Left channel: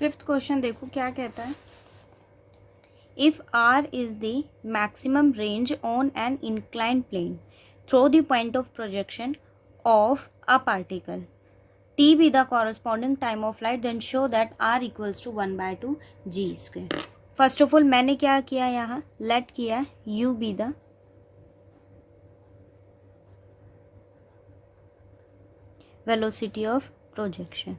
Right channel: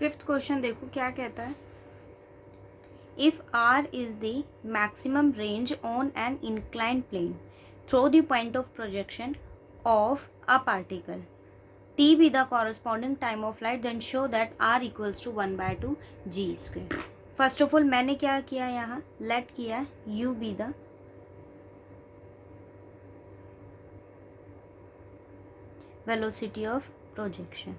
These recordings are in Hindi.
फिफ्थ क्वेश्चन देखो क्या कहता है। If R is the maximum range on an inclined plane through the point of projection of a particle, T be the corresponding time of flight, then show that R equals to 1/2 g square. First of all मैंने क्या किया, यहाँ लेट किया U be the velocity of projection,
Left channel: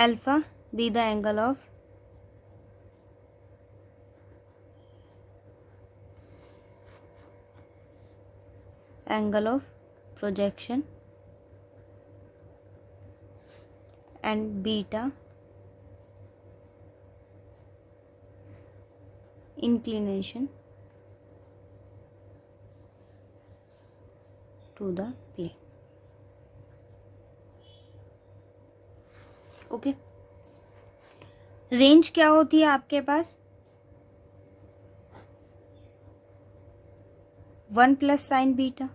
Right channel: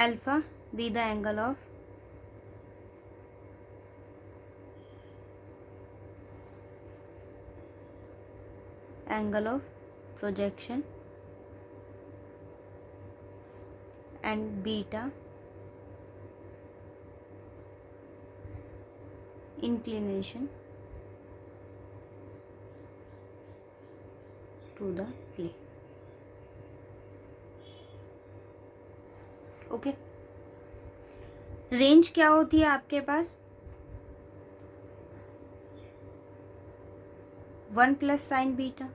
alpha be the angle of projection, and beta inclination to the plane. Okay, range क्या होती है आपके पास, 1 प्लस साइन बीटा,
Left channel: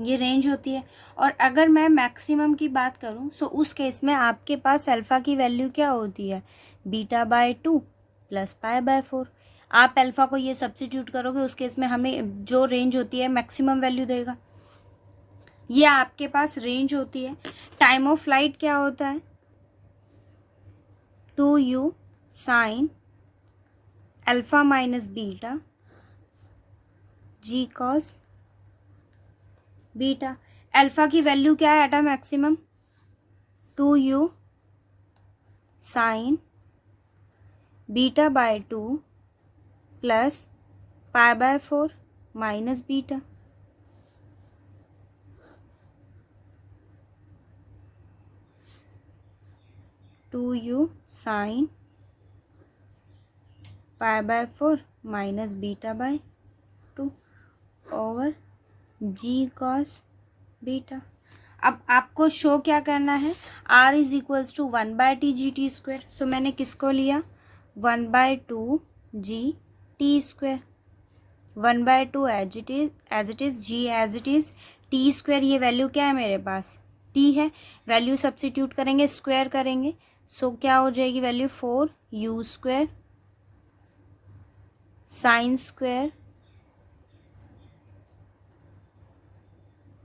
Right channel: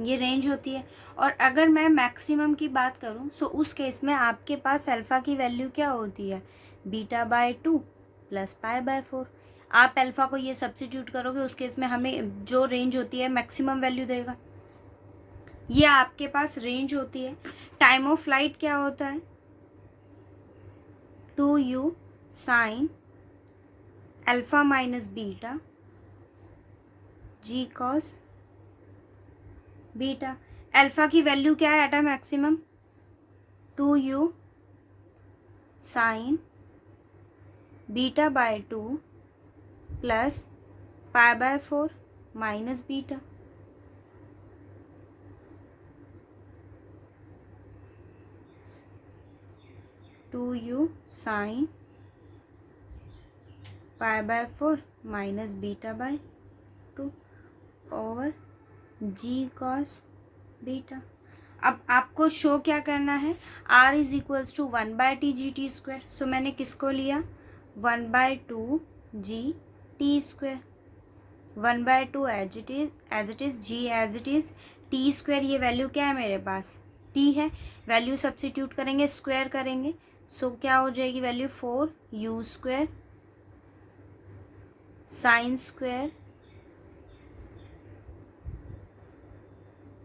ये रेंज होती है। और अगर मैं मैक्सिमम की बात करूं सो उस केस में आपके पास अल्फ़ा की वैल्यू क्या होती है, beta by 2 plus pi by 4। आप अल्फ़ा को ये सब्स्टिट्यूट करोगे, उस केस में हमें जो रेंज होती है मैक्सिमम वैल्यू देगा। ये आपके पास रेंज होती है। टाइम ऑफ फ्लाइट क्या होता है, 2u sine alpha minus beta G cos beta. Alpha की वैल्यू क्या है at a maximum, 2u sine beta by 2 plus pi by 4 minus beta. Two u sine pi by 4 minus beta by 2 over G cos beta. अब आपको शो क्या करना है, R is equals to 1/t square. So मैंने किसको लिया, 1/2 जी T square, 1/2 as it is, G as it is, T square ये वैल्यू क्या है मेरे पास, टी है। वैल्यू सब्स्टिट्यूट करेंगे, स्क्वायर करेंगे, सो क्या हो जाएगी value, 4u square sine square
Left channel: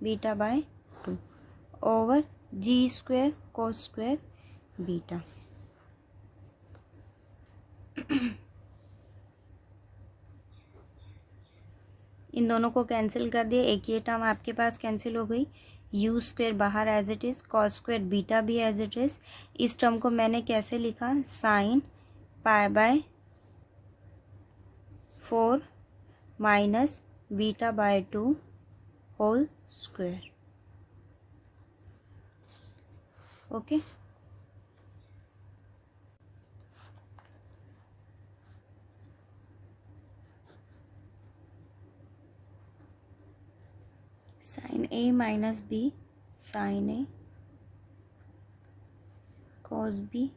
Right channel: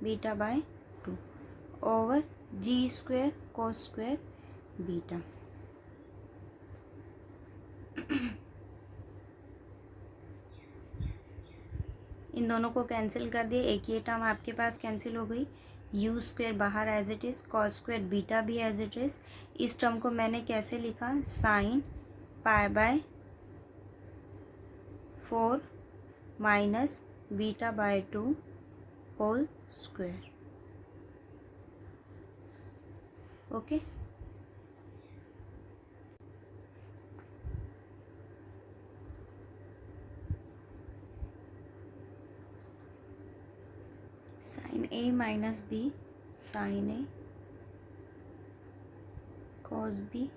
beta by 2 over G square cos square beta. इन दोनों को कैंसिल कर दिया, एक ये टर्म आपके पास कैंसिल हो गई, यू स्क्वायर बाहर as it is, cos square beta भी एज इट इज़। इस टर्म को मैंने कैसे लिखा, sine pi by 4 minus beta by 2 whole square. Okay, sine A minus B sine A cos B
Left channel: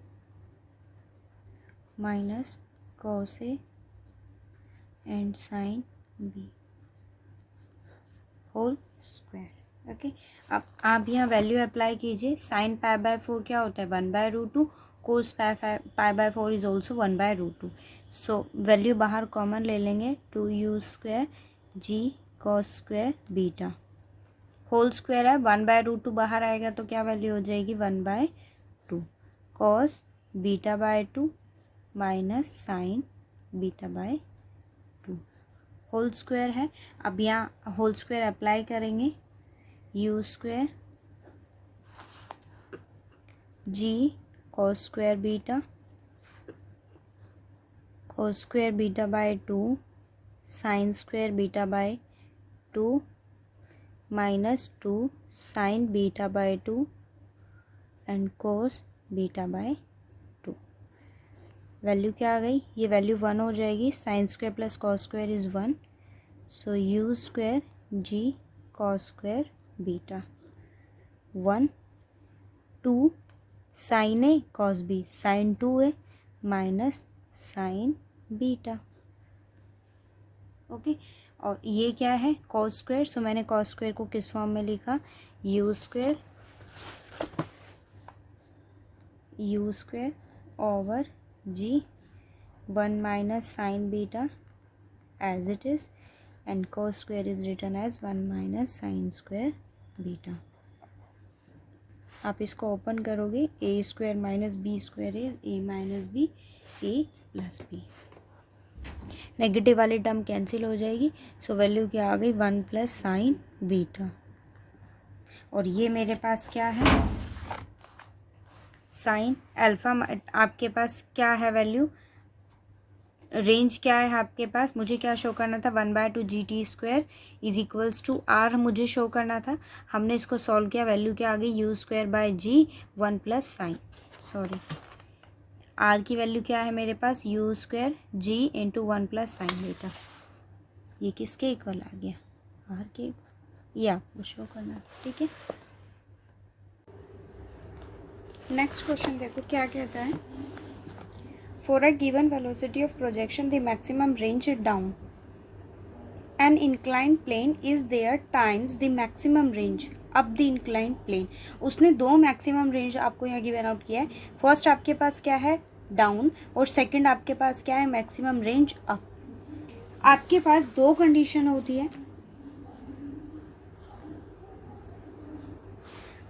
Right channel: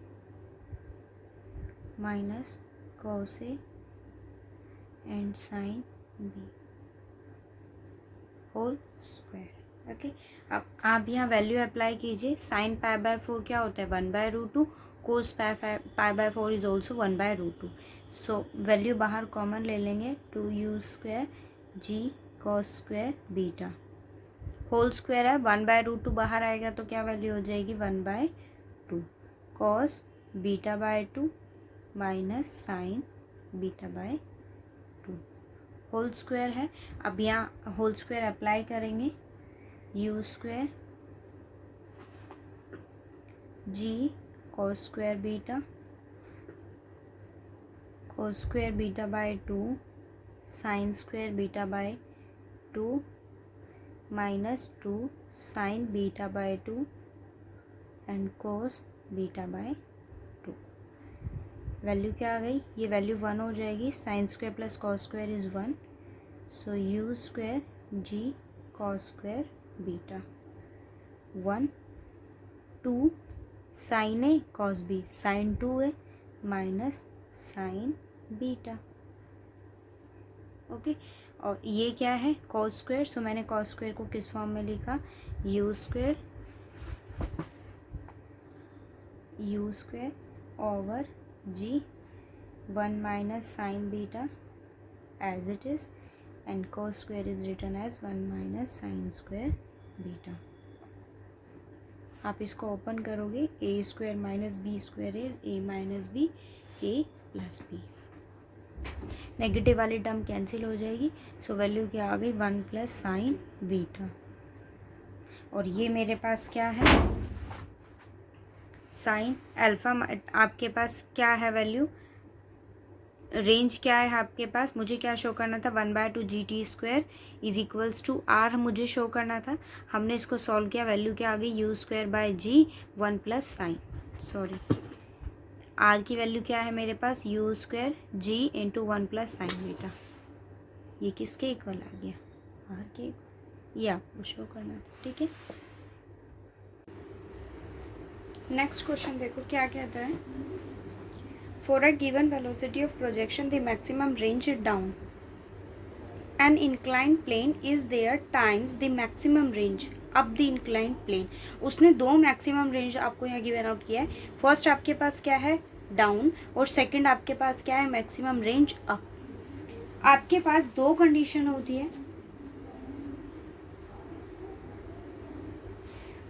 minus cos A and sine B whole square. Okay, अब आप यहाँ वैल्यू अप्लाई कीजिए। साइन पाई बाय 4 क्या होता है, 1/√2, cos pi by 4 is also 1/√2। So value बाहर कॉमन ले लेंगे, 2u स्क्वायर जी cos square beta whole square है, 1/√2 बाहर आएगा तो क्या वैल्यू हो जाएगी, 1/2 cos beta by 2 minus sine beta by 2 whole square है। अब यहाँ होल स्क्वायर अप्लाई करेंगे, u square ji cos square beta by 2 sine square beta by 2 minus 2 sine beta by 2 and cos beta by 2। Value क्या आ गई, ये वैल्यू 1 हो जाएगी। Sine square plus cos square is 1, so u square ji cos square beta 1 2 sign A cos B sign 2 है माइनस साइन बीटा। ओके, और ये क्या है, कॉस स्क्वायर। सो मैंने कॉस स्क्वायर को किस फॉर्म में लिखा, u square over ji 1 minus sine beta as it is and cos square is written as 1 minus sine square beta. आप इसको ओपन करोगे, A square minus B square is A minus B, A plus B. Negative वाली टर्म कैंसिल हो जाएगी, सो वैल्यू क्या आ गई 1 प्लस साइन बीटा। और ये मेरे पास क्या है, साइन अल्फा। आपके पास क्या है वैल्यू, रेंज क्या है आपके पास, मुझे क्या शो करना था 1/2 GT square is equals to r मुझे शो करना था। हमने इसको सॉल्व किया, वैल्यू क्या आ गई u square by G 1 plus sine, sorry R की वैल्यू क्या है मेरे पास यू स्क्वायर जी इंटू 1 प्लस साइन बीटा। ये किसके इक्वल आ गया, आर के, ये आपको शो करना था, ठीक है। नेक्स्ट क्वेश्चन देखो क्या कहता है, for a given velocity of projection the maximum range down an inclined plane is there times the maximum range up the inclined plane। उसने दो मैक्सिमम रेंज आपको यहाँ गिवन आउट किया है। फर्स्ट आपके पास क्या है डाउन और सेकंड आपके पास क्या है मैक्सिमम रेंज अप। आपके पास दो कंडीशन होती है।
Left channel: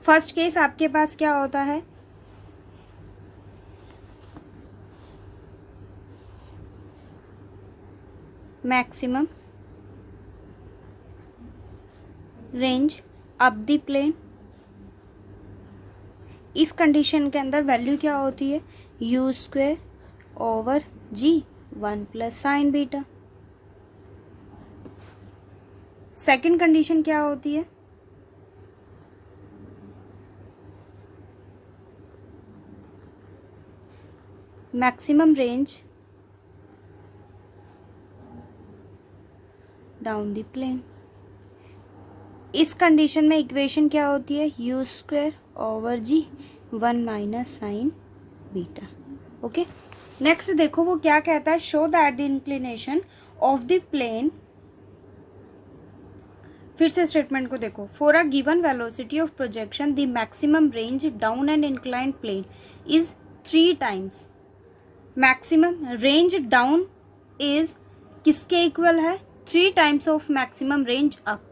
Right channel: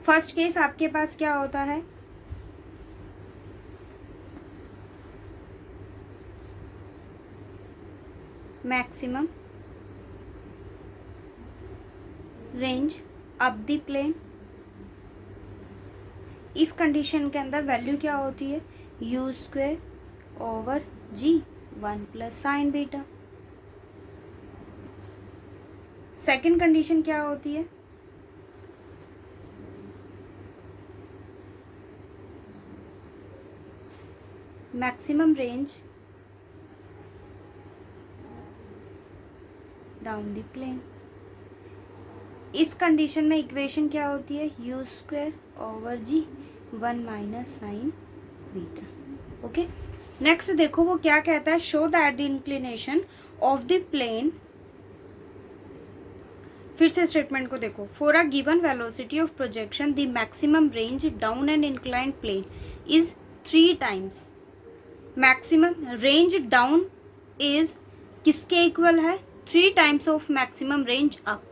फर्स्ट केस आपके पास क्या होता है, maximum range up the plane. इस कंडीशन के अंदर वैल्यू क्या होती है यू स्क्वेयर ओवर जी 1 plus sine beta. Second condition क्या होती है, maximum range down the plane. इस कंडीशन में इक्वेशन क्या होती है यू स्क्वायर ओवर जी 1 minus sine beta. Okay, next देखो वो क्या कहता है, show that the inclination of the plane. फिर से स्टेटमेंट को देखो, for a given velocity of projection the maximum range down an inclined plane is 3 times. Maximum range down is किसके इक्वल है 3 times of maximum range up.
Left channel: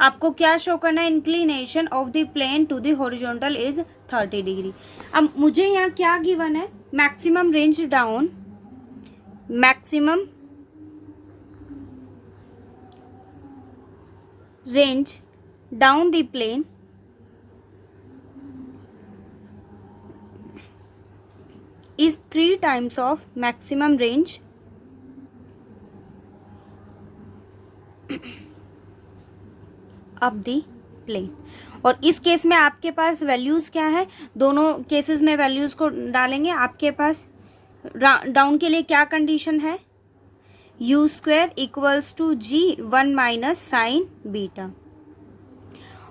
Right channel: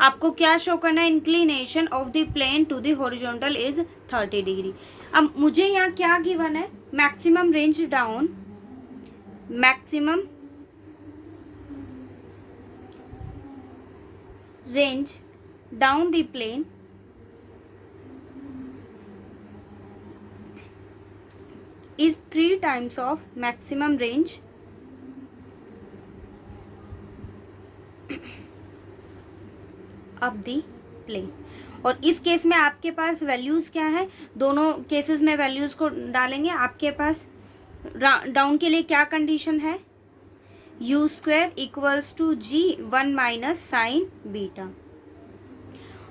आपको क्या शो करना है, inclination of the plane to the horizontal is 30 degree. अब मुझे यहाँ क्या गिवन है, maximum range down, maximum range down the plane is 3 times of maximum range up the plane। और इस केस में आपके पास वैल्यूज क्या है, दोनों केसेस में वैल्यूज को डालेंगे। आपके पास डाउन के लिए क्या कंडीशन है u square equals to g 1 minus sine beta,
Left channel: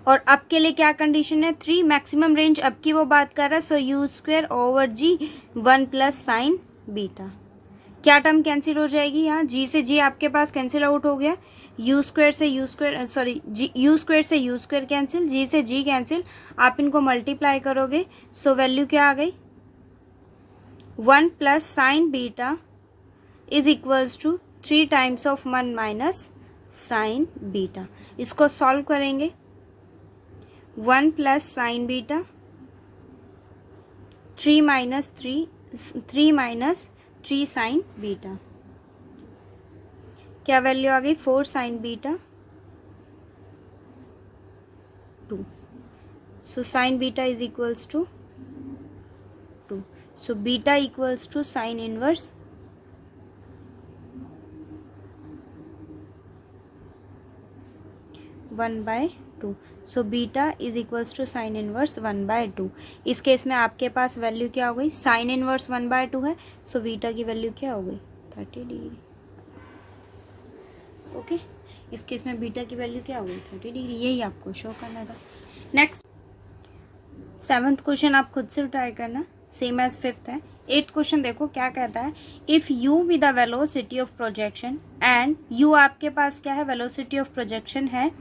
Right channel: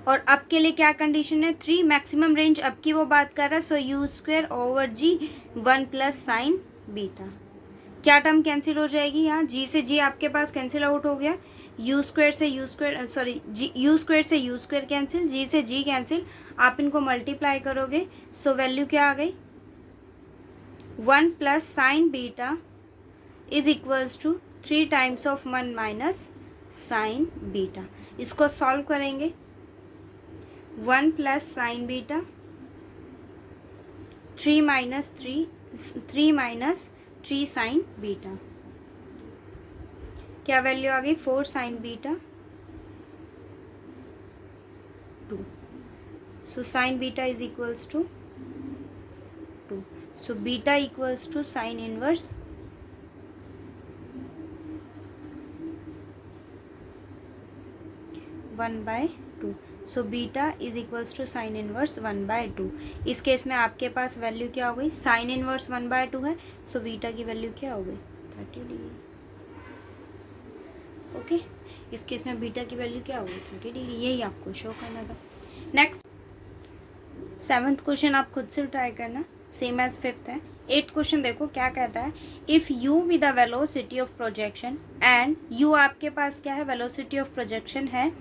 और अप के लिए क्या कंडीशन है 3 मैक्सिमम रेंज अप की वो बात कर रहा है, सो यू स्क्वायर ओवर जी 1 प्लस साइन बीटा। क्या टर्म कैंसिल हो जाएगी, यहाँ जी से जी आपके पास कैंसिल आउट हो गया, यू स्क्वायर से u square, sorry g u square से यू स्क्वायर कैंसिल, जी से जी कैंसिल, आप इनको मल्टीप्लाई करोगे, सो वैल्यू क्या आ गई 1 plus sine beta is equals to 3 times of 1 minus sine beta. इसको सॉल्व करेंगे, 1 plus sine beta 3 minus 3 sine beta, क्या वैल्यू आ गई 4 sine beta 2। So sine beta is equals to 2, so beta equals to sine inverse 1/2। So beta is equals to sine inverse 1/2। इस केस में आपके पास वैल्यू क्या हो गई, साइन इनवर्स 1/2 है, सो बीटा की वैल्यू क्या हो गई 30 डिग्री। ओके, इस केस में बीटा की वैल्यू क्या हो गई 30 डिग्री, यही आपको शो करना था। नेक्स्ट 7th क्वेश्चन आप खुद से ट्राई करना, सेम एज 5th है। 8th क्वेश्चन देखो क्या कहता है, if you with the velocity of projection and you आपके पास क्या है वेलोसिटी ऑफ प्रोजेक्शन है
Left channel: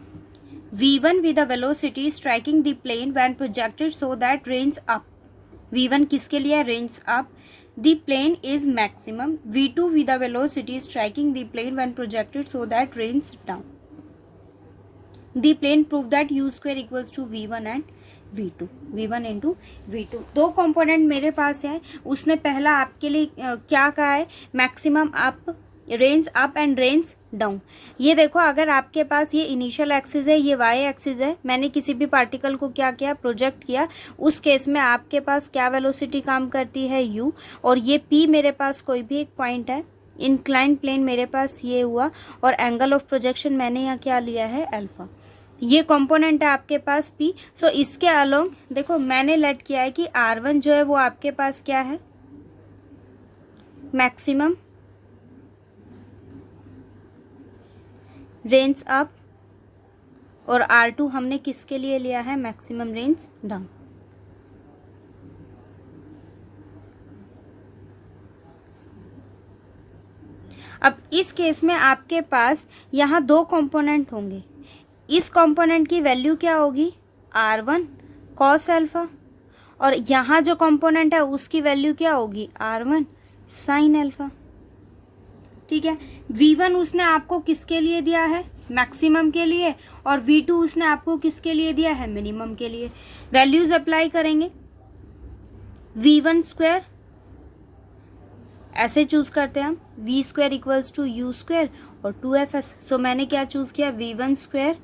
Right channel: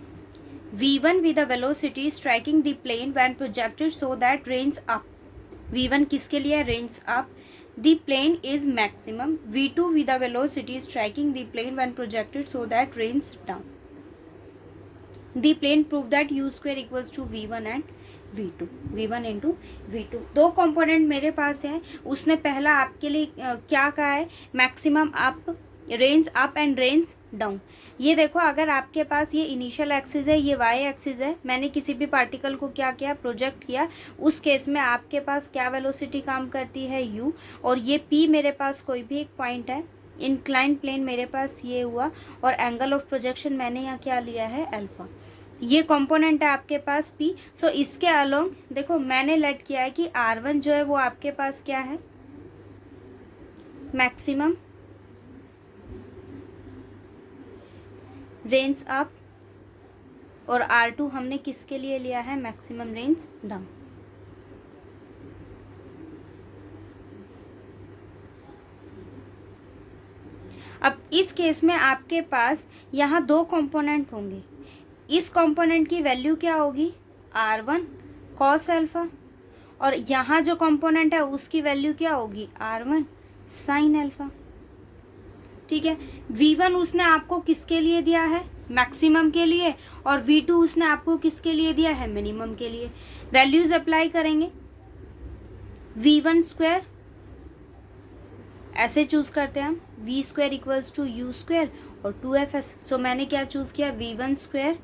v1 with the velocity striking the plane when projected so that range up. v1 किसके लिए? range up. The plane is maximum. v2 with the velocity striking the plane when projected so that range down. The plane proved that u square equals to v1 and v2. v1 into v2. दो कंपोनेंट मेरे पास है. उसने पहला आपके लिए क्या कहा है? Maximum up, range up and range down. ये देखो, अगर आपके पास ये इनिशियल एक्सिस है, ये वाई एक्सिस है, मैंने किसी भी पार्टिकल को क्या किया? प्रोजेक्ट किया. उस केस में आपके पास क्या वेलोसिटी काम करती है? u. और ये p मेरे पास कोई भी एक पॉइंट है. इंक्लाइंड प्लेन मेरे पास ये हुआ और एंगल ऑफ प्रोजेक्शन मैंने यहाँ क्या लिया है? अल्फा. ये कंपोनेंट है आपके पास p. सो इसके अलोंग देखो मैंने लेट किया है कि r1 जो है वो आपके पास क्या है? मैक्सिमम रेंज अप, और r2 हमने किसके लिए लिया है? Maximum range down. अब इस केस में आपके पास यहाँ दो कंपोनेंट होंगे. इस कंपोनेंट की वैल्यू क्या होगी? r1 cos अल्फा, और यहाँ जो कंपोनेंट है उसकी वैल्यू क्या होगी? r1 sin alpha. ठीक है. v1 उसने आपको किसके लिए दिया है? मैक्सिमम के लिए. और v2 उसने आपको किसके लिए दिया है? मिनिमम के लिए. वैल्यूज अप्लाई करेंगे. v1 स्क्वायर ऐसे चूज करते हैं हम, v square equals to u square और 2fs. सो मैंने क्या चूज किया? v1 स्क्वायर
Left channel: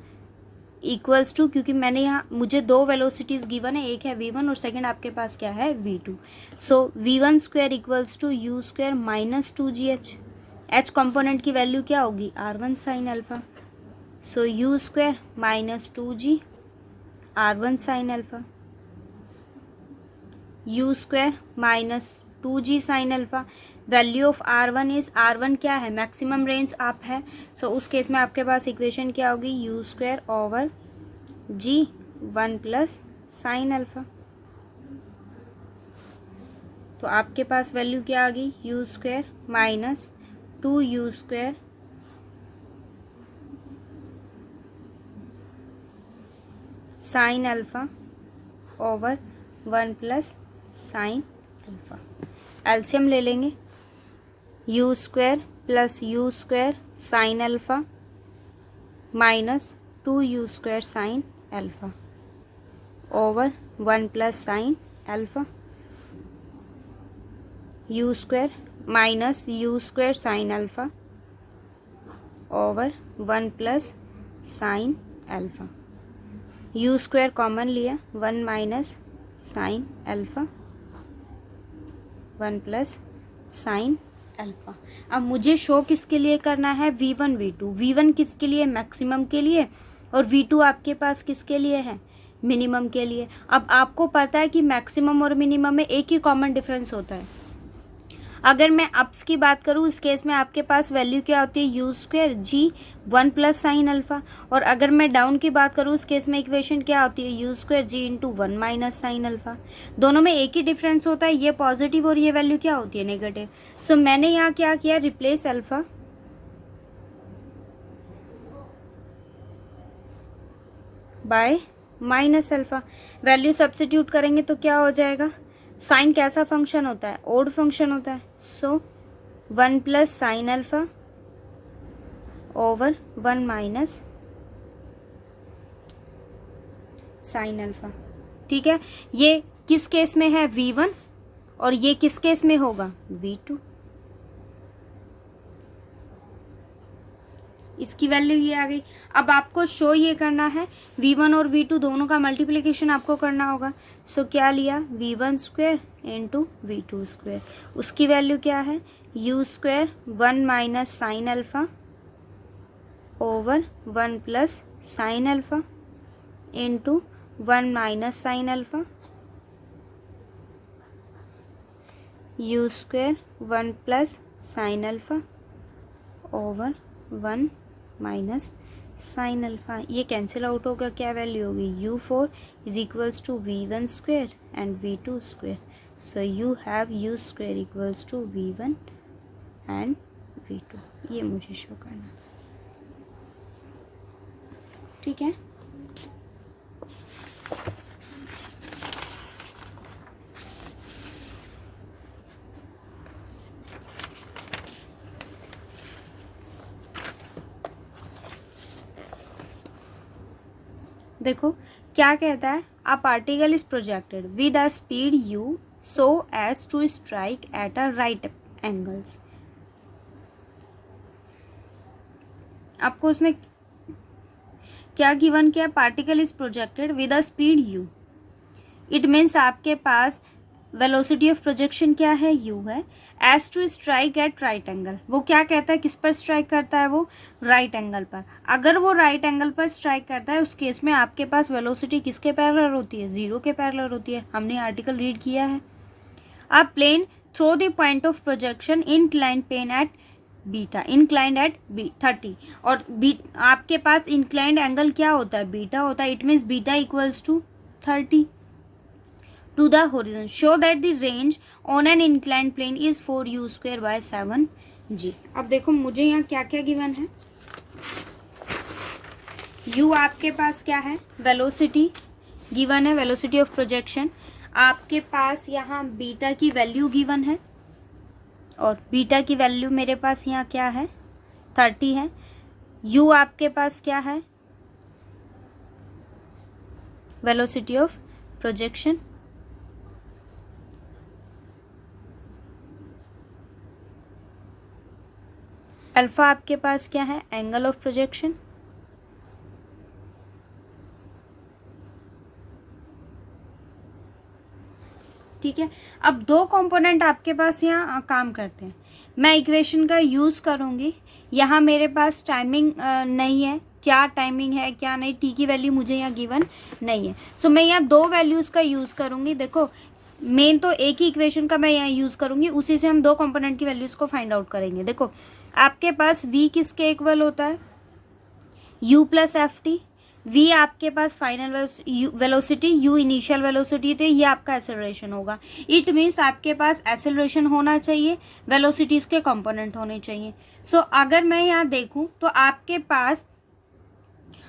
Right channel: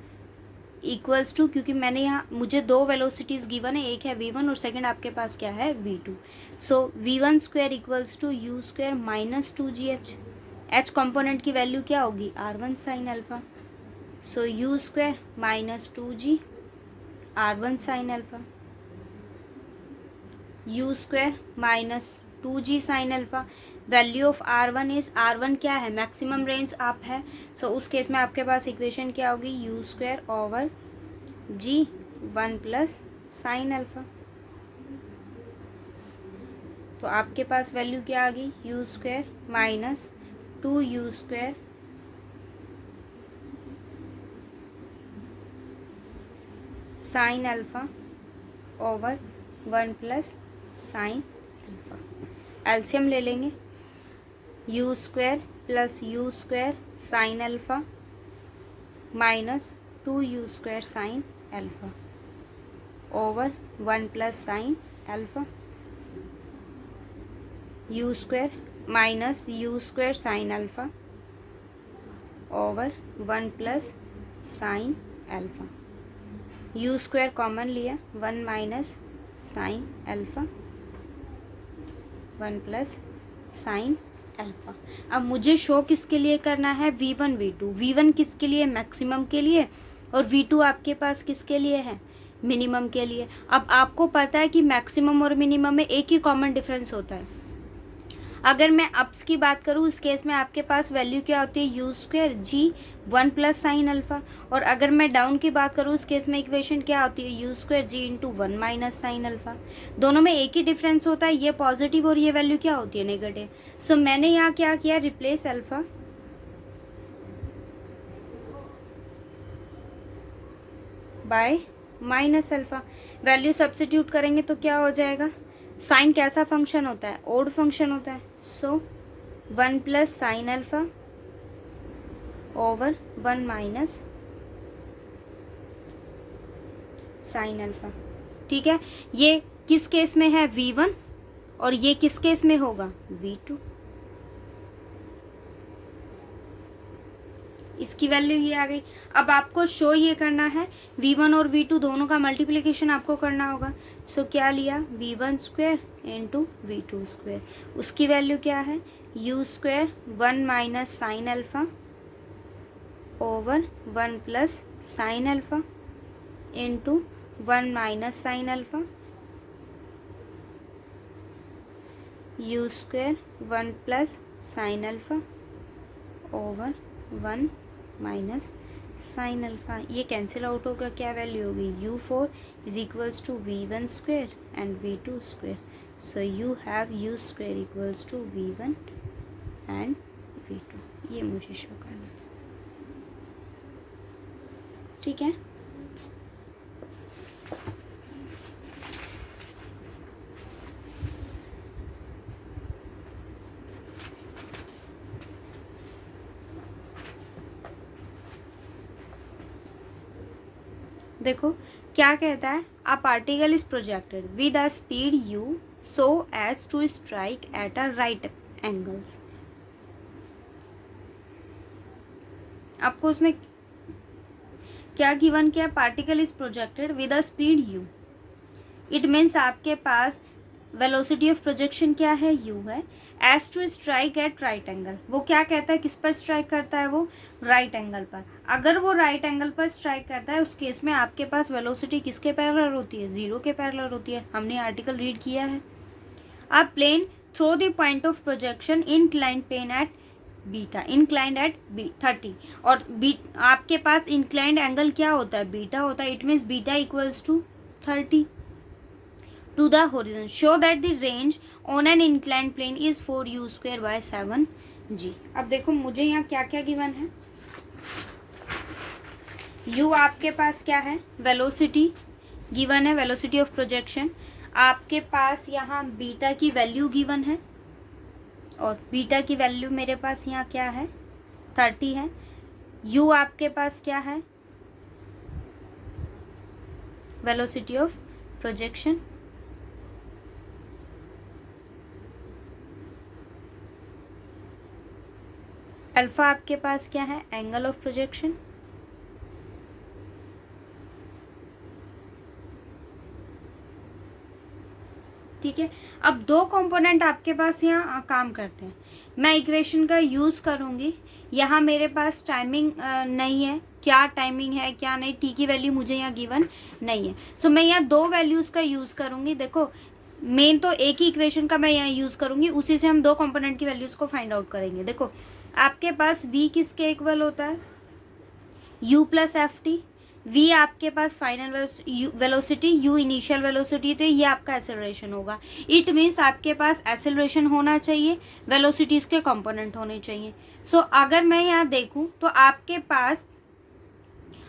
इक्वल्स टू, क्योंकि मैंने यहाँ मुझे दो वेलोसिटीज गिवन है, एक है v1 और सेकंड आपके पास क्या है? v2. So v1 square equals to u square minus 2gh. h component की वैल्यू क्या होगी? r1 sine alpha. So u square minus 2g r1 sine alpha, u square minus 2g sine alpha. Value of r1 is, r1 क्या है? मैक्सिमम रेंज अप है. सो उस केस में आपके पास इक्वेशन क्या होगी? You square over g 1 plus sine alpha. तो आपके पास वैल्यू क्या आ गई? U square minus 2u square sine alpha over 1 plus sine alpha. LCM ले लेंगे. You square plus you square sine alpha minus 2u square sine alpha over 1 plus sine alpha. U square minus you square sine alpha over 1 plus sine alpha. U square common लिया, 1 minus sine alpha 1 plus sine alpha. अब मुझे शो किसके लिए करना है? v1 v2. v1 किसके लिए? मैक्सिमम के लिए. और v2 आपके पास किसके लिए है? मिनिमम के लिए. अब आपको पता है कि मैक्सिमम और मिनिमम में एक ही कॉमन डिफरेंस होता है. अगर मैं अप्स की बात करूँ, इस केस में आपके पास वैल्यू क्या होती है? U square g 1 plus sine alpha. और अगर मैं डाउन की बात करूँ, इस केस में इक्वेशन क्या होती है? यू स्क्वायर जी इंटू 1 माइनस साइन अल्फा. दोनों में एक ही डिफरेंस होता है, ये पॉजिटिव और ये वैल्यू क्या होती है? नेगेटिव. सो मैंने यहाँ क्या किया? Replace alpha by minus alpha. Value substitute करेंगे तो क्या हो जाएगा? साइन कैसा फंक्शन होता है? ओड फंक्शन होता है. सो 1 plus sine alpha over 1 minus sine alpha. ठीक है. ये किस केस में है? v1. और ये किस केस में होगा? v2. इसकी वैल्यू ये आ गई. अब आपको शो ये करना है, v1 और v2 दोनों का मल्टीप्लिकेशन आपको करना होगा. सो क्या लिया? v1 square into v2 square. उसकी वैल्यू क्या है? U square 1 minus sine alpha over 1 plus sine alpha into 1 minus sine alpha u square 1 plus sine alpha over 1 minus sine alpha. ये कैंसिल आउट होकर क्या वैल्यू होगी? u4 is equals to v1 square and v2 square. So you have u square equals to v1 and v2. ये मुझे शो करना. ठीक है. देखो क्या कहता है, a particle is projected with a speed u so as to strike at a right angles। आपको उसने क्या गिवन किया, particle is projected with a speed u, it means आपके पास वेलोसिटी ऑफ प्रोजेक्शन क्या है, u है, as to strike at right angle. वो क्या कहता है, किस पर स्ट्राइक करता है, वो राइट एंगल पर। अगर वो राइट एंगल पर स्ट्राइक करता है उस केस में आपके पास वेलोसिटी किसके पैरेलल होती है, जीरो के पैरेलल होती है। हमने आर्टिकल रीड किया है। A plane through the point of projection inclined plane at beta, inclined at 30, और आपके पास इंक्लाइंड एंगल क्या होता है, बीटा होता है। It means beta equals to 30 to the horizon, show that the range on an inclined plane is 4u square by 7g। अब देखो मुझे यहाँ क्या क्या गिवन है, u आपके पास क्या है, वेलोसिटी गिवन है, वेलोसिटी ऑफ प्रोजेक्शन। आपके पास यहाँ बीटा की वैल्यू गिवन है, और बीटा की वैल्यू मेरे पास यहाँ क्या है, 30 है। u आपके पास क्या है, वेलोसिटी ऑफ प्रोजेक्शन। अल्फा आपके पास क्या है, एंगल ऑफ प्रोजेक्शन। ठीक है, अब दो कंपोनेंट आपके पास यहाँ काम करते हैं। मैं इक्वेशन का यूज़ करूँगी। यहाँ मेरे पास टाइमिंग नहीं है, क्या टाइमिंग है क्या नहीं, टी की वैल्यू मुझे यहाँ गिवन नहीं है। सो मैं यहाँ दो वैल्यूज़ का यूज़ करूँगी। देखो मेन तो एक ही इक्वेशन का मैं यहाँ यूज़ करूँगी, उसी से हम दो कंपोनेंट की वैल्यूज़ को फाइंड आउट करेंगे। देखो आपके पास v किसके इक्वल होता है, u plus F T. v आपके पास final velocity, u initial velocity थे, ये आपका एक्सेलरेशन होगा। इट मीन्स आपके पास एक्सेलरेशन होना चाहिए, वेलोसिटीज़ के कंपोनेंट होने चाहिए। सो अगर मैं यहाँ देखूँ तो आपके पास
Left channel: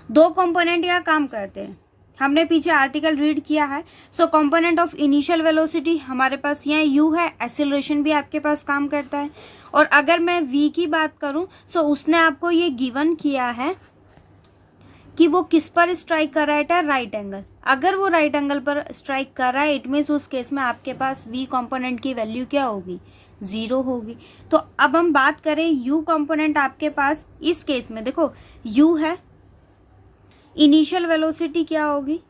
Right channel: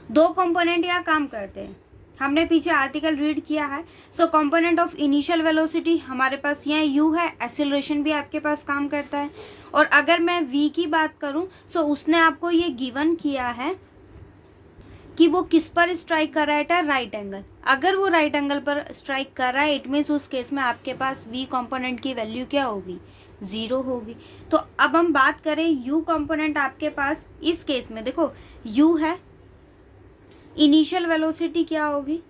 दो कंपोनेंट यहाँ काम करते हैं। हमने पीछे आर्टिकल रीड किया है। सो कंपोनेंट ऑफ इनिशियल वेलोसिटी हमारे पास यहाँ u है, एक्सेलरेशन भी आपके पास काम करता है। और अगर मैं v की बात करूँ सो उसने आपको ये गिवन किया है कि वो किस पर स्ट्राइक कर रहा है, राइट एंगल। अगर वो राइट एंगल पर स्ट्राइक कर रहा है इट मीन्स उस केस में आपके पास v कंपोनेंट की वैल्यू क्या होगी, ज़ीरो होगी। तो अब हम बात करें u कंपोनेंट आपके पास, इस केस में देखो u है, इनिशियल वेलोसिटी क्या होगी,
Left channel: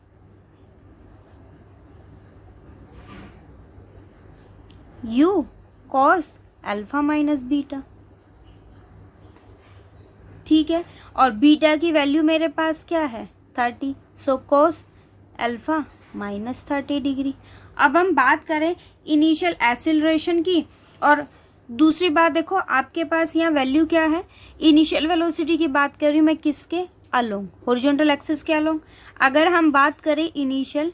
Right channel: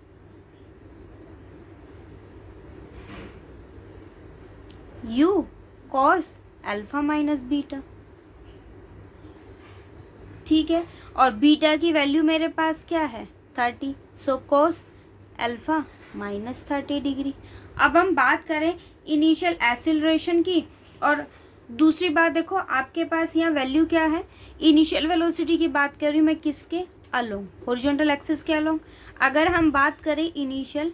u cos alpha minus beta. ठीक है, और बीटा की वैल्यू मेरे पास क्या है, 30। So cos alpha minus 30 degree. अब हम बात करें इनिशियल एक्सीलरेशन की, और दूसरी बात देखो आपके पास यहाँ वैल्यू क्या है, इनिशियल वेलोसिटी की बात कर रही हूँ मैं किसके, अलोंग, हॉरिजॉन्टल एक्सिस के अलोंग। अगर हम बात करें इनिशियल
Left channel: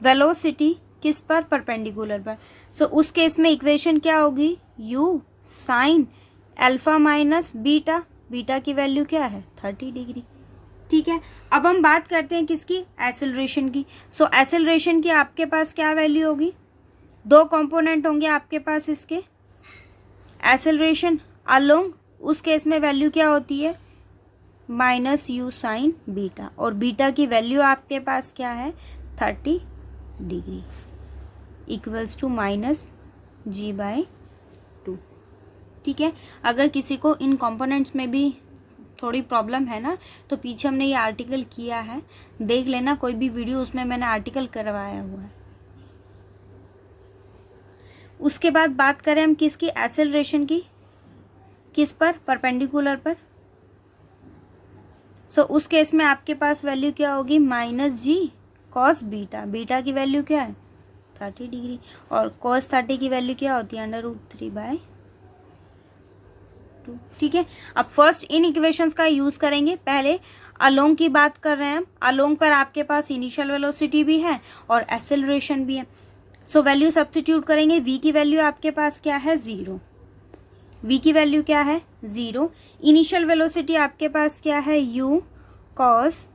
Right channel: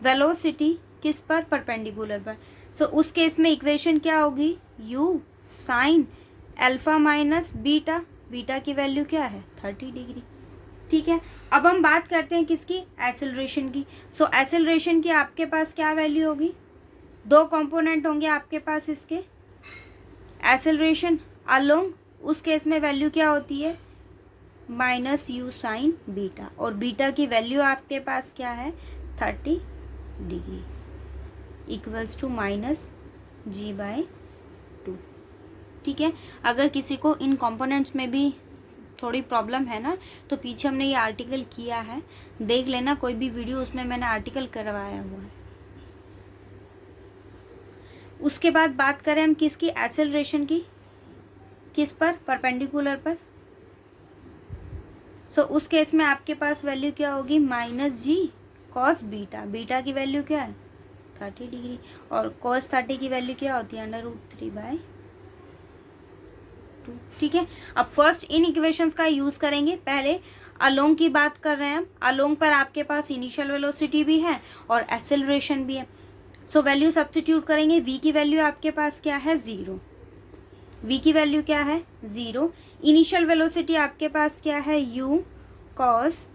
वेलोसिटी किस पर, परपेंडिकुलर पर। सो उस केस में इक्वेशन क्या होगी, u sine alpha minus beta, beta की वैल्यू क्या है, 30 डिग्री। ठीक है, अब हम बात करते हैं किसकी, एक्सेलरेशन की। सो एक्सेलरेशन की आपके पास क्या वैल्यू होगी, दो कंपोनेंट होंगे आपके पास इसके, एक्सेलरेशन अलोंग, उस केस में वैल्यू क्या होती है, माइनस u साइन बीटा, और बीटा की वैल्यू आपके पास क्या है, 30 degree equals to minus g by 2। ठीक है, अगर किसी को इन कंपोनेंट्स में भी थोड़ी प्रॉब्लम है ना तो पीछे हमने ये आर्टिकल किया है, देख लेना कोई भी वीडियो, उसमें मैंने आर्टिकल करवाया हुआ है। उसके बाद बात करें हम किसकी, एक्सेलरेशन की, किस पर, परपेंडिकुलर पर। सो उस केस में आपके पास वैल्यू क्या होगी, माइनस जी कॉस बीटा, बीटा की वैल्यू क्या है, 30 डिग्री, और कॉस 30 की वैल्यू क्या होती है, √3/2। ठीक है, अब फर्स्ट इन इक्वेशंस का यूज़ करेंगे। पहले अलोंग की बात कर रहे हैं हम, अलोंग पर आपके पास इनिशियल वेलोसिटी भी है और एक्सेलरेशन भी है। सो वैल्यू सब्स्टिट्यूट करेंगे, v की वैल्यू आपके पास क्या है, 0, v की वैल्यू क्या है, 0। इनिशियल वेलोसिटी आपके पास क्या है, u cos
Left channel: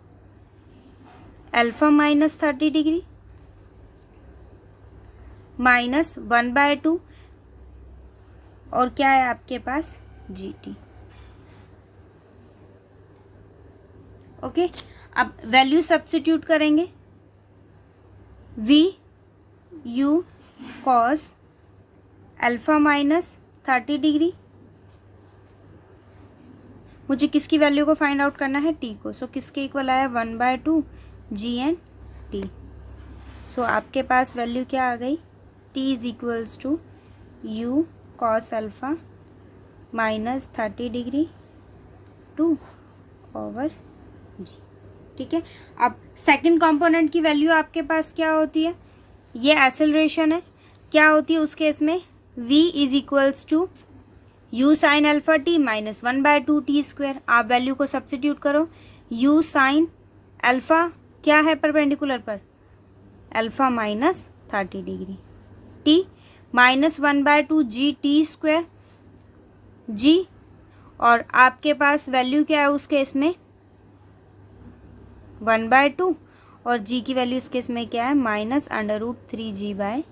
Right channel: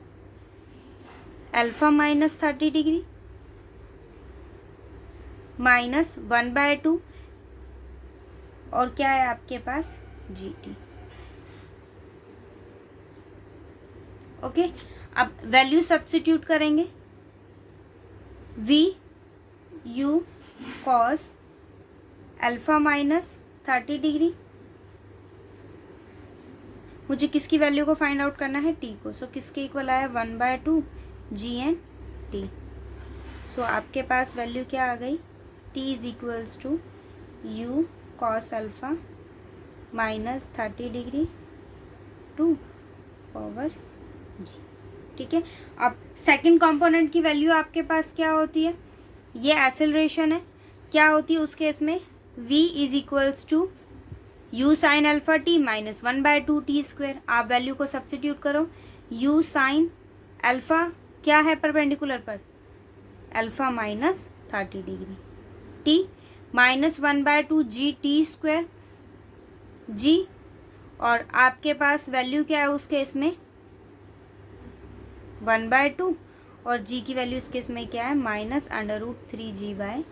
alpha minus 30 degree minus 1/2, और क्या है आपके पास, gt। ओके, अब वैल्यू सब्स्टिट्यूट करेंगे। V u cos alpha minus 30 degree, मुझे किसकी वैल्यू को फाइंड आउट करना है, टी को। सो किसके इक्वल आया, 1/2 जी एंड टी। सो आपके पास वैल्यू क्या आ गई, t is equals to u cos alpha minus 30 degree 2/g। ठीक है, अब सेकंड कंपोनेंट की वैल्यू आपके पास क्या होती है, ये एक्सेलरेशन है, क्या होती है उस केस में, v is equals to u sine alpha T minus 1/2 T square. आप वैल्यू को सब्स्टिट्यूट करो, u साइन अल्फा क्या है परपेंडिकुलर पर, alpha minus 30 degree, T minus 1/2 जी टी स्क्वायर जी, और आपके पास वैल्यू क्या है उस केस में, 1/2, और g की वैल्यू इस केस में क्या है, -√3g/2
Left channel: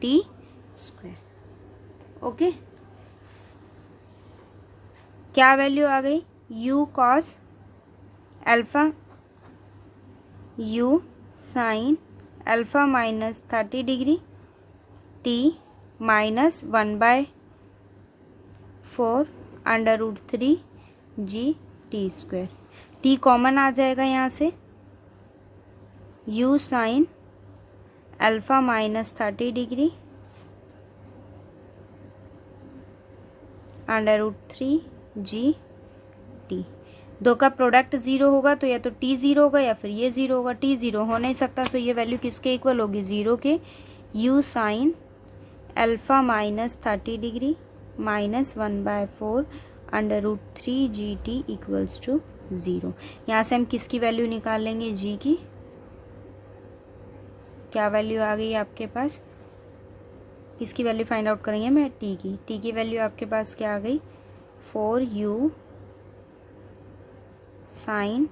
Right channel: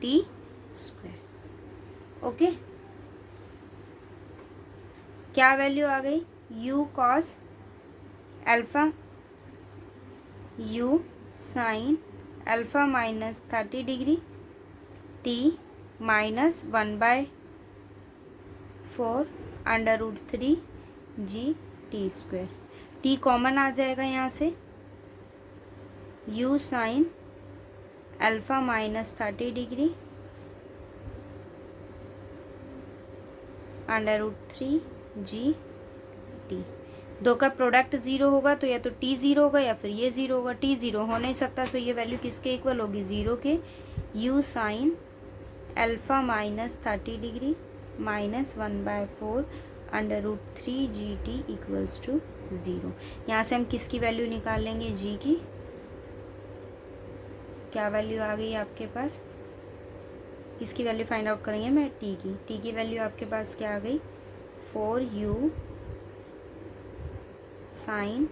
टी स्क्वायर। ओके, क्या वैल्यू आ गई, u cos alpha u sine alpha minus 30 degree T minus 1/4 √3g T square. T common आ जाएगा यहाँ से, u sine alpha minus 30 degree √3g T. दो का प्रोडक्ट ज़ीरो होगा तो या तो टी ज़ीरो होगा या फिर ये ज़ीरो होगा, टी ज़ीरो हो नहीं सकता, सो ये वैल्यू किसके इक्वल होगी, ज़ीरो के। u sine alpha minus 30 degree minus 1/4 √3g t equals to zero. यहाँ से हम किसकी वैल्यू निकालेंगे, g की। क्या वैल्यू आ गई आपके पास, किसकी वैल्यू फाइंड आउट करेंगे, मैं टी की। टी की वैल्यू आपके पास क्या आ गई, 4u sine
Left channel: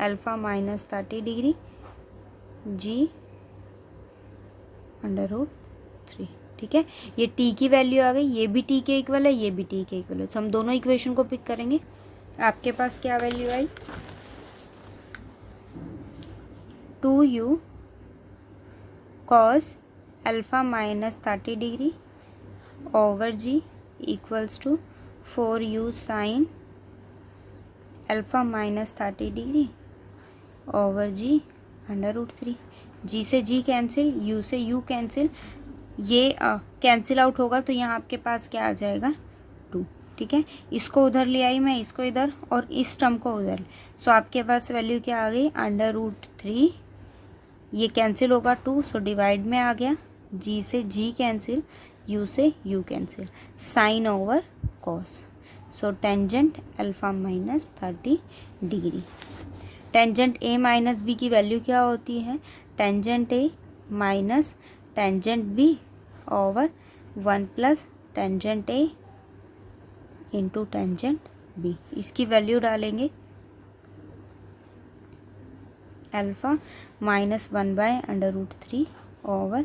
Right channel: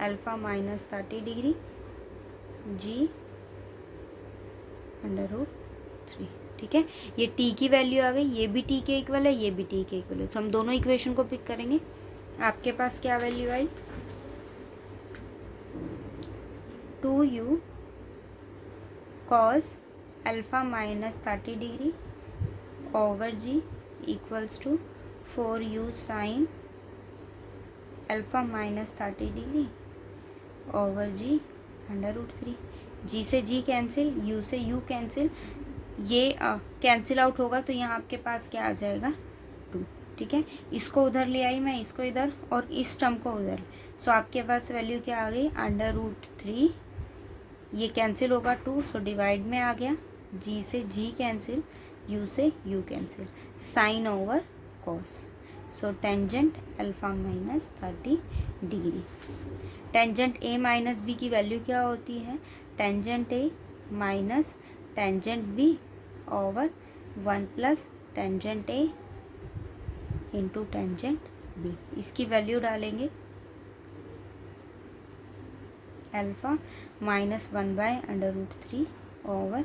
alpha minus 30 degree g √3। ठीक है, ये टी की वैल्यू आ गई, ये भी टी के इक्वल है, ये भी टी के इक्वल है। तो हम दोनों इक्वेशन को पिक करेंगे। आपके पास क्या वैल्यू आई, 2u cos alpha minus 30 degree over g equals to 4u sine alpha minus 30 degree over g √3। G से जी कैंसिल, यू से यू कैंसिल, ये कैंसिल आउट होगा तो यहाँ आपके पास क्या आ जाएगा, 2। ठीक है, इसको उधर ले आई मैं, इसको इधर, और इस टर्म को उधर। सो आपके पास वैल्यू क्या आ गई, √3, ये कैंसिल होगा 2, सो डिवाइड में आ गया, जी से जी कैंसिल, यू से you cancel, sine over cos. So tangent alpha minus 30 degree. Tangent A minus B की वैल्यू क्या होती है, tangent A minus tangent B over 1 plus tangent A into tangent B. इसकी वैल्यू डालेंगे, alpha minus 1/√3 over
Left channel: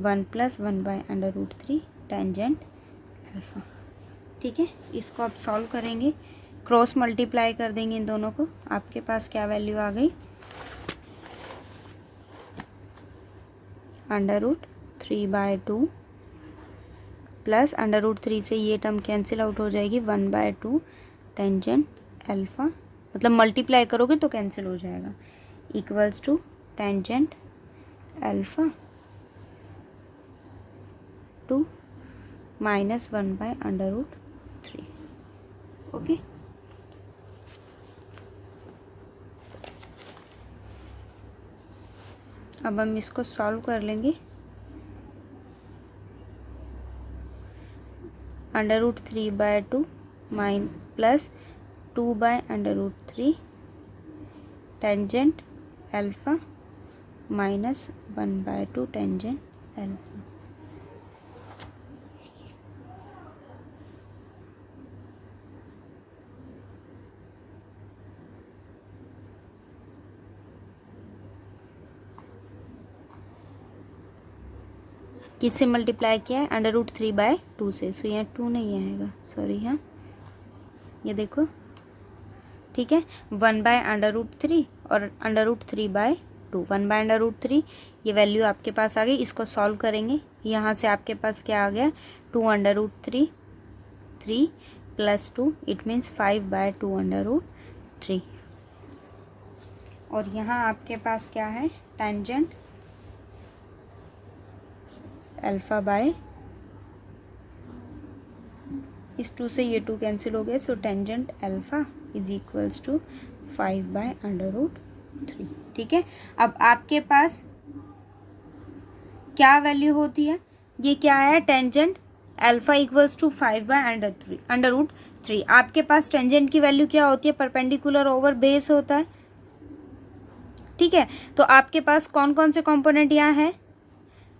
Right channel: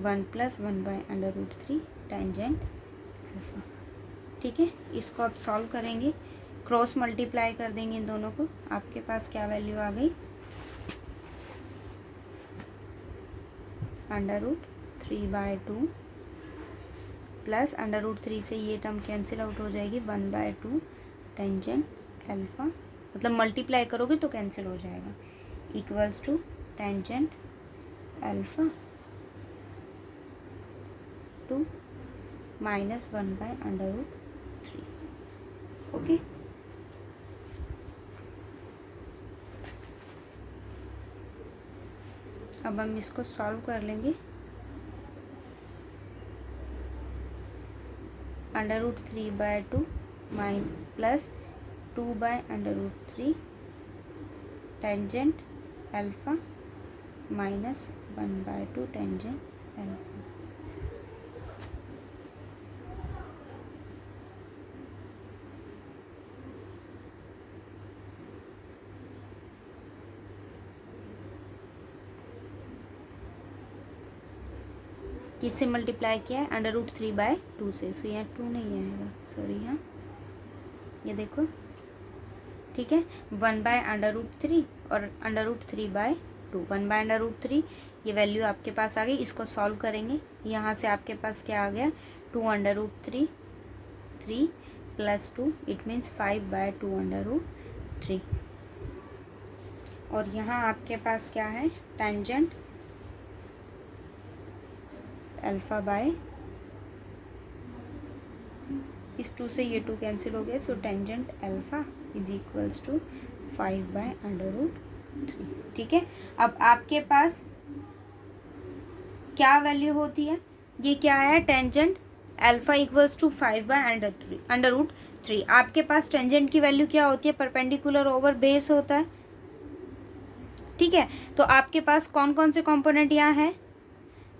1 plus 1/√3 tangent alpha. ठीक है, इसको आप सॉल्व करेंगे, क्रॉस मल्टीप्लाई कर देंगे इन दोनों को। आपके पास क्या वैल्यू आ गई, √3/2 प्लस √3 से ये टर्म कैंसिल आउट हो जाएगी, 1/2 टेंजेंट अल्फा, मतलब मल्टीप्लाई करोगे तो कैंसिल हो जाएगा, equals to tangent alpha 2 minus 1/√3। Okay, अब हम इसको सॉल्व कर लेंगे। √3/2 plus 2/√3 tangent alpha minus 1/2 tangent alpha. किससे मल्टीप्लाई किया है, √3/2 से, सो यहाँ 2 नहीं आएगा, सॉरी, हाँ ये देखो ठीक है, 1/√3 और √3/2, 1/√3 ये वैल्यू आपके पास आ गई। इसको सॉल्व करेंगे, यहाँ से आपके पास क्या आ गया, 2√3 3 + 2 इट मीन्स 5/2√3। और यहाँ आपके पास क्या है, टेंजेंट अल्फ़ा बाय, इस 2 से ये 2 कैंसिल हो गया, so tangent alpha is equals to 5/√3। ठीक है, अब आपके पास क्या वैल्यू होती है, ये क्या है, टेंजेंट अल्फ़ा इक्वल्स टू 5/√3। आपके पास टेंजेंट की वैल्यू क्या होती है, परपेंडिकुलर ओवर बेस होता है। ठीक है, तो आपके पास कौन कौन से कंपोनेंट यहाँ है,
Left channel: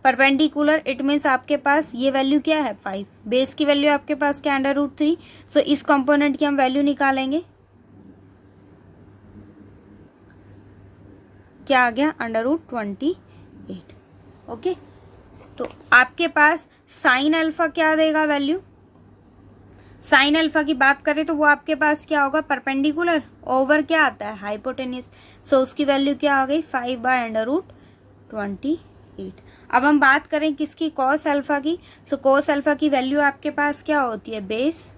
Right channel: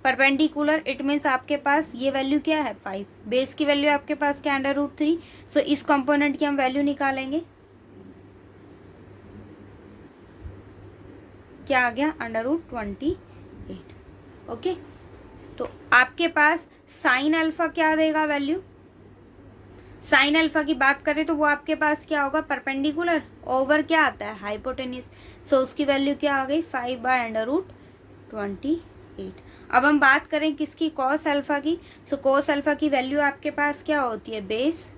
परपेंडिकुलर, इट मीन्स आपके पास ये वैल्यू क्या है 5, बेस की वैल्यू आपके पास क्या √3, सो इस कंपोनेंट की हम वैल्यू निकालेंगे, क्या आ गया √28। ओके, तो आपके पास साइन अल्फा क्या देगा वैल्यू, साइन अल्फा की बात करें तो वो आपके पास क्या होगा, परपेंडिकुलर ओवर क्या आता है, हाइपोटेन्यूस, सो उसकी वैल्यू क्या आ गई 5/√28। अब हम बात करें किसकी, कॉस अल्फा की, सो कॉस अल्फा की वैल्यू आपके पास क्या होती है, base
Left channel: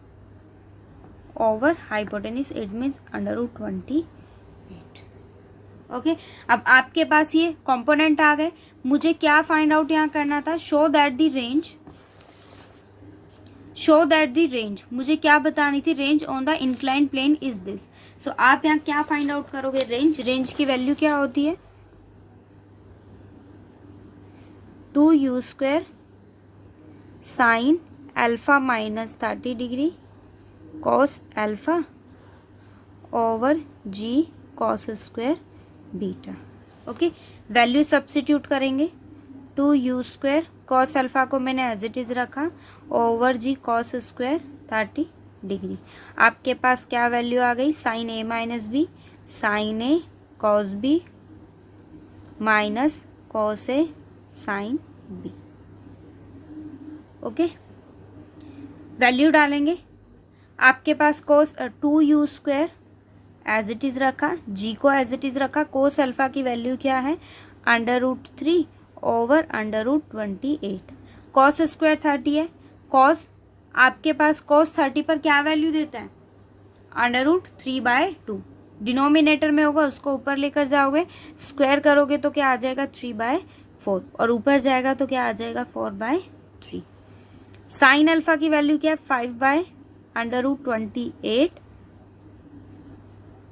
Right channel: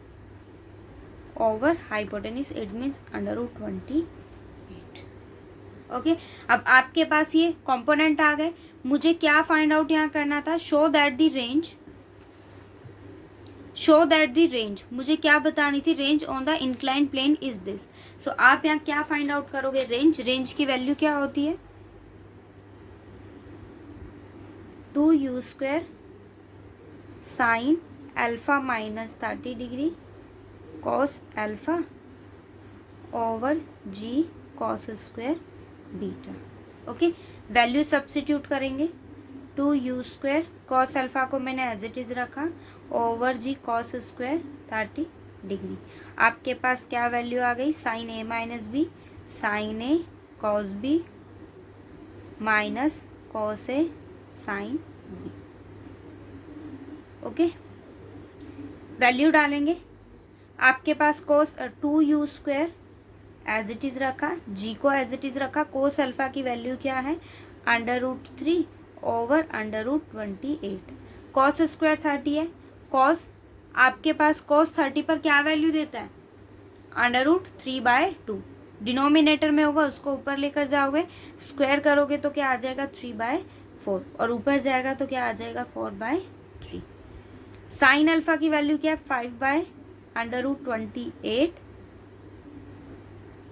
over hypotenuse, it means √28। Okay, अब आपके पास ये कंपोनेंट आ गए, मुझे क्या फाइंड आउट यहाँ करना था, शो दैट द रेंज, मुझे क्या बतानी थी, range on the inclined plane is this. So आप यहाँ क्या फाइंड आउट करोगे, रेंज की वैल्यू क्या होती है, 2u² sine alpha -30 degree cos alpha over g cos² beta. Okay, value substitute करेंगे, 2u² कॉस अल्फा को मैंने एज इट इज़ रखा, ओवर g cos² 30 डिग्री। आपके पास क्या वैल्यू आ गई, sine a - b sine a cos b minus cos a sign b। Okay, value डालेंगे, आपके पास cos 2u² as it is रखा, g को एज इट इज़ रखा, कोस अल्फा की वैल्यू क्या है, √3 ओवर √28, कॉस स्क्वायर 30 है, कॉस आपके पास cos 30 पर क्या वैल्यू देता है, √3/2, डिनोमिनेटर में होगा उसको ऊपर लेकर जाओगे, स्क्वायर करोगे तो क्या आ जाएगा 3/4, और ऊपर जाएगा तो क्या आ जाएगा 4/3। साइन अल्फा की वैल्यू क्या है 5/√28,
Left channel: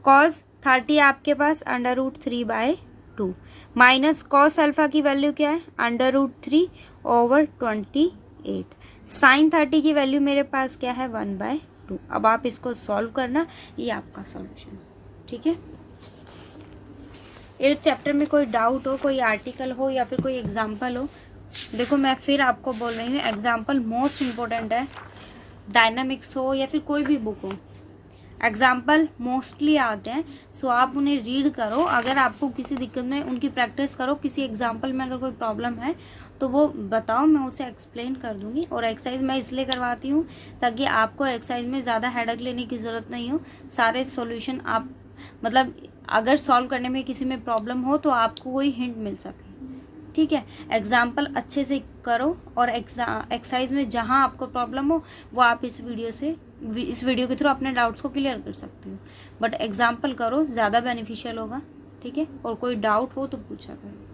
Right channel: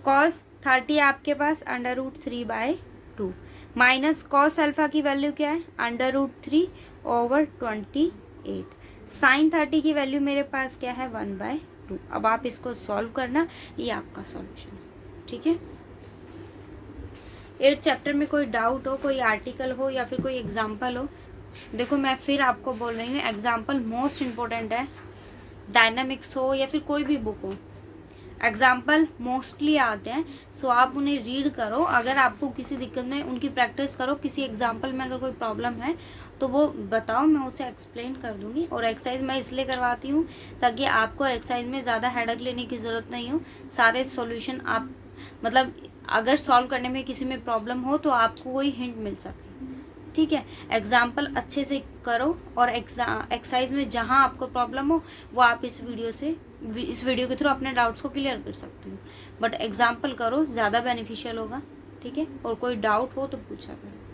कॉस 30 आपके पास √3/2, माइनस कॉस अल्फा की वैल्यू क्या है √3 ओवर 28, साइन 30 की वैल्यू मेरे पास क्या है 1/2। अब आप इसको सॉल्व करना, ये आपका सॉल्यूशन है। ठीक है, एक चैप्टर में कोई डाउट हो, कोई आर्टिकल हो या फिर कोई एग्जाम्पल हो, देखो मैं फिर आपको बोल रही हूँ, एग्जाम्पल मोस्ट इम्पोर्टेंट है, डायनामिक्स हो या फिर कोई भी बुक हो, एग्जाम्पल मोस्टली आते हैं, सो आप उन्हें रीड करो, अगर आपको किसी दिक्कत में उनकी प्रैक्टिस करो, किसी एग्जाम्पल में अगर कोई प्रॉब्लम है तो वो बताओ, मैं उसे एक्सप्लेन कर दूंगी। और एक्सरसाइज मैं इसलिए करवाती हूँ ताकि आपको एक्सरसाइज में ज़्यादा हेडेक लेने की ज़रूरत नहीं हो, सारे सॉल्यूशन आप मतलब अगर सॉल्व करने में किसी में प्रॉब्लम हो तो आपको वही हिंट मिल सके। ठीक है, एग्जाम्पल अच्छे से करो, और एक्सरसाइज में जहाँ आपको प्रॉब्लम हो वो आप इस वीडियो के थ्रू अपने डाउट्स को क्लियर कर सकते हो, बट एग्जाम्पल करो, ज़्यादा बेनिफिशियल होगा। ठीक है, और कोई डाउट हो तो पूछा करो।